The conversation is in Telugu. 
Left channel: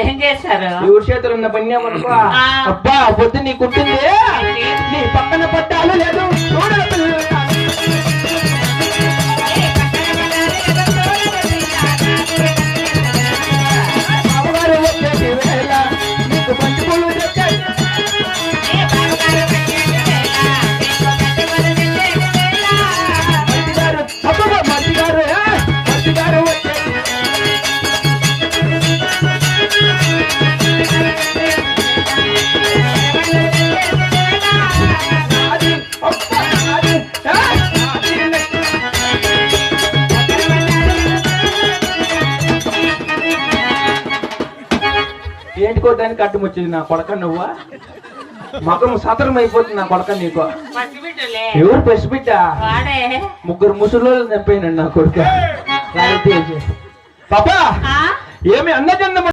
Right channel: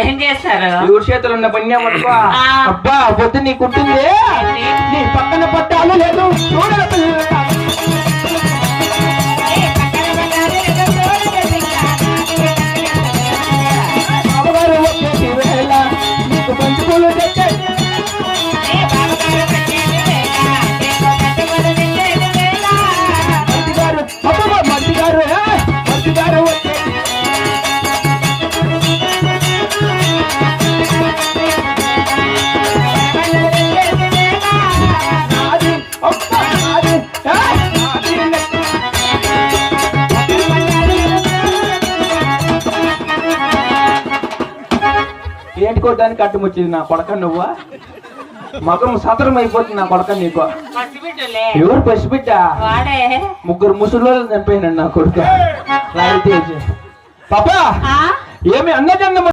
ఏం చేశారు? ఎవరి చేతులు ఉన్న పని అబ్బా పొద్దు నీ కుట్టింది నీ పక్కన పట్టాలు లేదు బావగారు వచ్చేసి వేళ నీకు మంచి పూలు తెచ్చాయి మంచిగారు అబ్బా మంచిగారు మంచిగారు వచ్చేసి ఏంటికోదానికి అడ్డం వచ్చింది నా కొడక నువ్వా మగం సతరం అయిపోతుంది నా కొడక నీకు పసిబిడ్డలే. ఎవరు పసిబిడ్డ వాడే. ముగ్గురు ముసలోళ్ళు చంపాను నా కొడుక పాపా ఆ? ఏమి అన్నజన్మ